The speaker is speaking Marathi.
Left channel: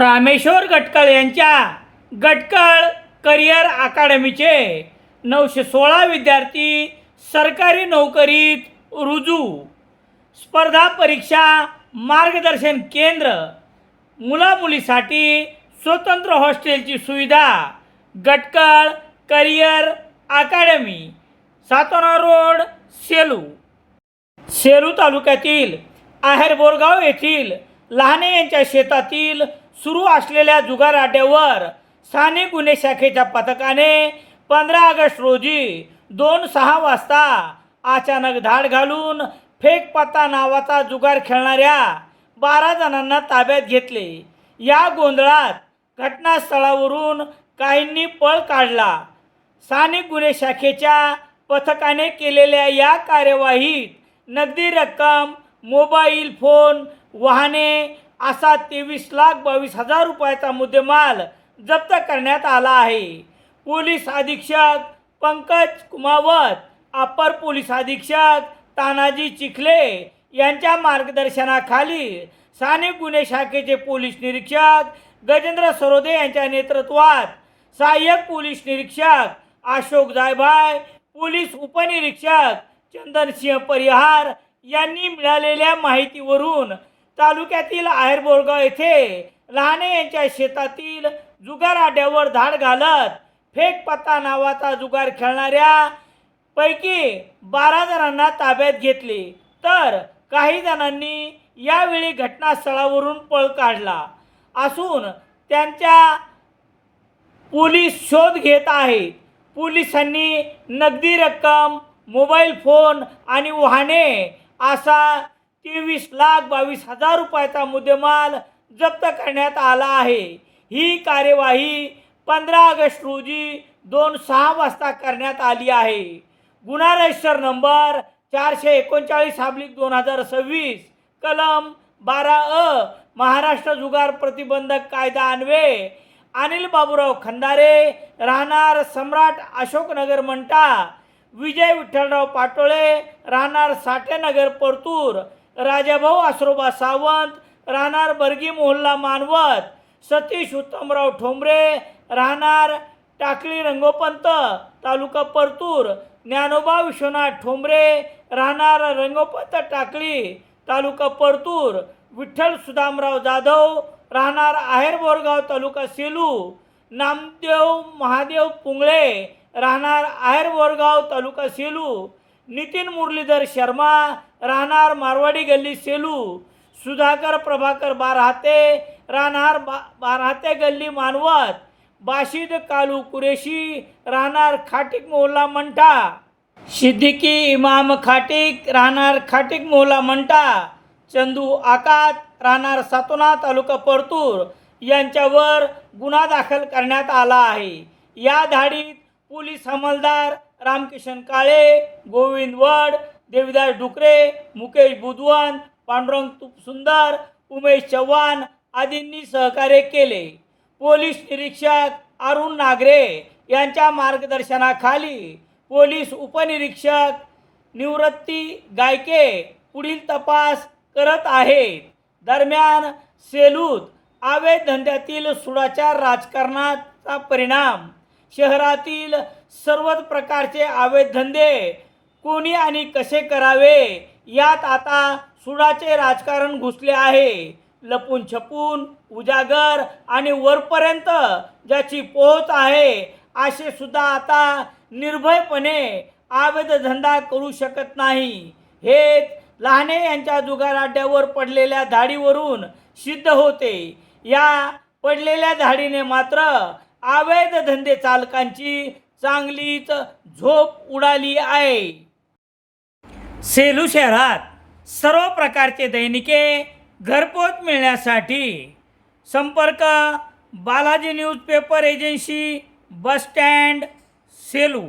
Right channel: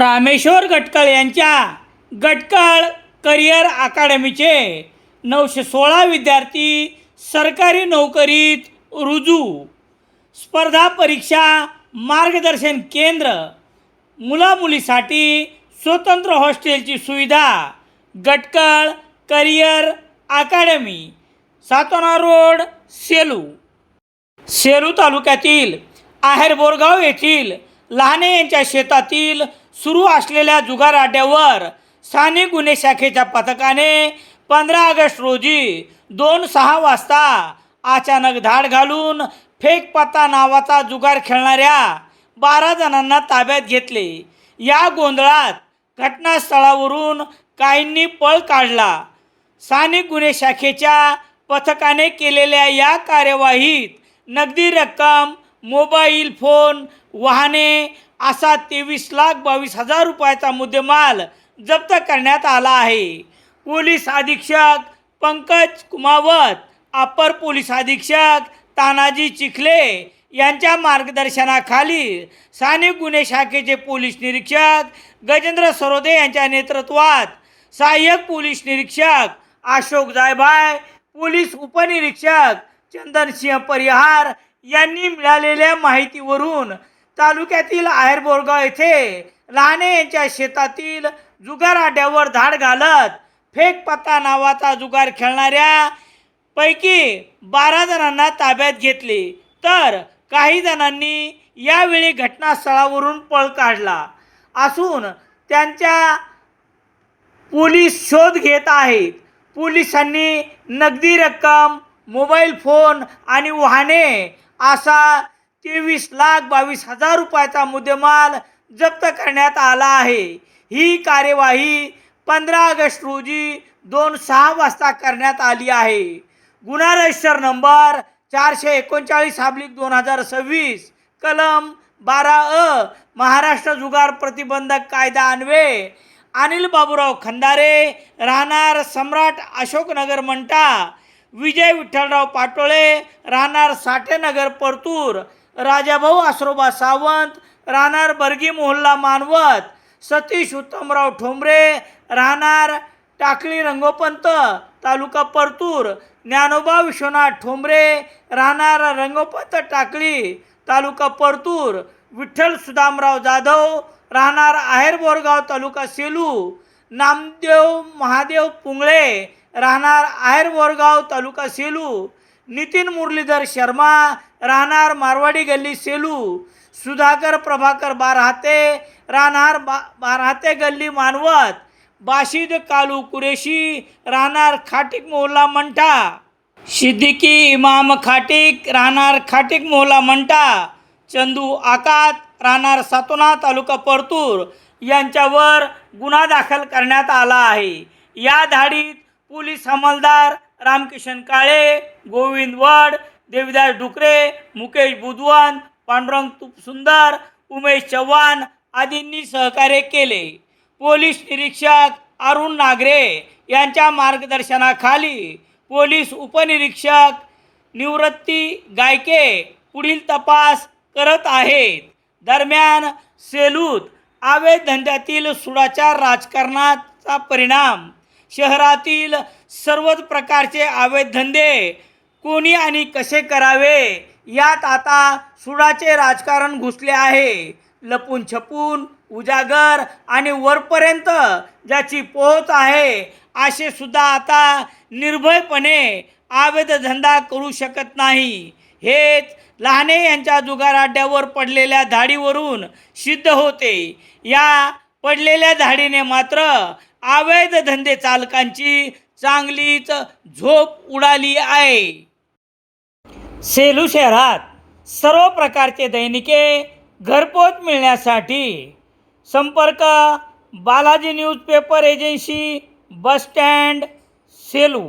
रामेश्वर गटकळ यांच्या गटकळ करिअर अकादमीचे 916 विद्यार्थी सरकारी नोकरीत रुजू. स्पर्धा परीक्षा मार्गदर्शन केंद्र, मुलामुलीसाठी स्वतंत्र हॉस्टेलची सुविधा. गटकळ करिअर अकादमी, सातोना रोड, सेलू. सेलू तालुक्यातील आहेर बोरगाव येथील लहाने यांच्या शेतातील सुरू असलेल्या जुगार अड्ड्यावर स्थानिक गुन्हे शाखेच्या पथकाने 15 ऑगस्ट रोजी 2:06 वाजता अचानक धाड घालून फेक पत्ता नावाचा जुगार खेळणाऱ्या 12 जणांना ताब्यात घेतले. या गोंधळात घटनास्थळावरून काहींनी पळ काढला. स्थानिक गुन्हे शाखेच्या पथकाने केलेल्या या कार्यवाहीत नगदी रक्कम, मोबाईल फोन, वाहने असा 23,22,000 रुपयाचा मुद्देमाल जप्त करण्यात आला आहे. पोलीस अधीक्षक पंकज कुमावत, अपर पोलीस अधीक्षक तानाजी चिखले यांच्या मार्गदर्शनाखाली स्थानिक गुन्हे शाखेचे पोलीस निरीक्षक गजेंद्र सरोदे यांच्या नेतृत्वात सहाय्यक पोलीस निरीक्षक अशोक जायभाय, पोलीस उपनिरीक्षक चंदनसिंह परिहार यांनी मिळालेल्या माहितीवरून तालुक्यातील आहेर बोरगाव येथे लहाने यांच्या शेतातील जुगार अड्ड्यावर धाड घालत फेक पत्ता नावाचा जुगार खेळणाऱ्या पैकी 12 जणांना ताब्यात घेतले, तर काही जणांनी यावेळी घटनास्थळावरून पळ काढला असून त्यांच्या पोलीस शोध घेत आहेत. पोलिसांनी नगदी रक्कम, मोबाईल फोन आणि वाहने असा 23,22,000 रुपयाचा मुद्देमाल जप्त करण्यात आला आहे. ही कार्यवाही 15 ऑगस्ट रोजी 2:06 वाजता करण्यात आली आहे. गुन्हा रजिस्टर नंबर 439/2026, कलम 12 महाराष्ट्र जुगार प्रतिबंधक कायदा अन्वये अनिल बाबूराव खंदारे, राहणार सम्राट अशोकनगर मंठा, विजय विठ्ठलराव पाटोळे, राहणार साठेनगर परतूर, राजाभाऊ आसरोबा सावंत, राहणार बर्गी मोहल्ला मानवत, सतीश उत्तमराव ठोंबरे, राहणार टाकळी रंगोपंत, तालुका परतूर, ज्ञानोबा विश्वनाथ ठोंबरे, राहणार रंगोपंत टाकळी, तालुका परतूर, विठ्ठल सुदामराव जाधव, राहणार आहेर बोरगाव, तालुका सेलू, नामदेव महादेव पुंगळे, राहणार आहेर बोरगाव, तालुका सेलू, नितीन मुरलीधर शर्मा, राहणार मारवाडी गल्ली सेलू, सुधाकर प्रभाकर बारहाते, राहणार बारहाते गल्ली मानवत, बाशिद कालू कुरेशी, राहणार खाटिक मोहल्ला मंठा, सिद्दीकी इमाम खाटिक, राहणार खाटिक मोहल्ला मंठा, चंदू आकात, राहणार सातोना, तालुका परतूर यांच्यावर गुन्हा दाखल करण्यात आला आहे. या धाडीत पोलीस अंमलदार रामकिशन काळे, गोविंद वड, देविदास डुकरे, मुकेश बुधवन, पांडुरंग तुपसुंदर, उमेश चव्हाण आदींनी सहकार्य केले. पोलीस निरीक्षक अरुण नागरे यांच्या मार्गदर्शनाखाली पोलीस उपनिरीक्षक निवृत्ती गायके पुढील तपास करत आहेत. दरम्यान सेलूत अवैध धंद्यातील सुडाचार राजकारणाचा परिणाम. शहरातील सर्वच प्रकारचे अवैध धंदे कोणी आणि कसे करावे यात आता सुडाचे राजकारण घुसले आहे. लपून छपून, उजागर आणि वरपर्यंत ज्याची पोहोच आहे असे सुद्धा आता निर्भयपणे अवैध धंदा करू शकत नाही. हेच लहाने यांच्या जुगार अड्ड्यावर पडलेल्या धाडीवरून सिद्ध होते. या पडलेल्या धाडीने मात्र अवैध धंदे चालकांची चांगलीच झोप उडाली आहे. सेलू शहरात सर्व प्रकारचे दैनिके घरपोच मिळण्यासाठी संपर्क Balaji newspaper agency, bus stand, Selu.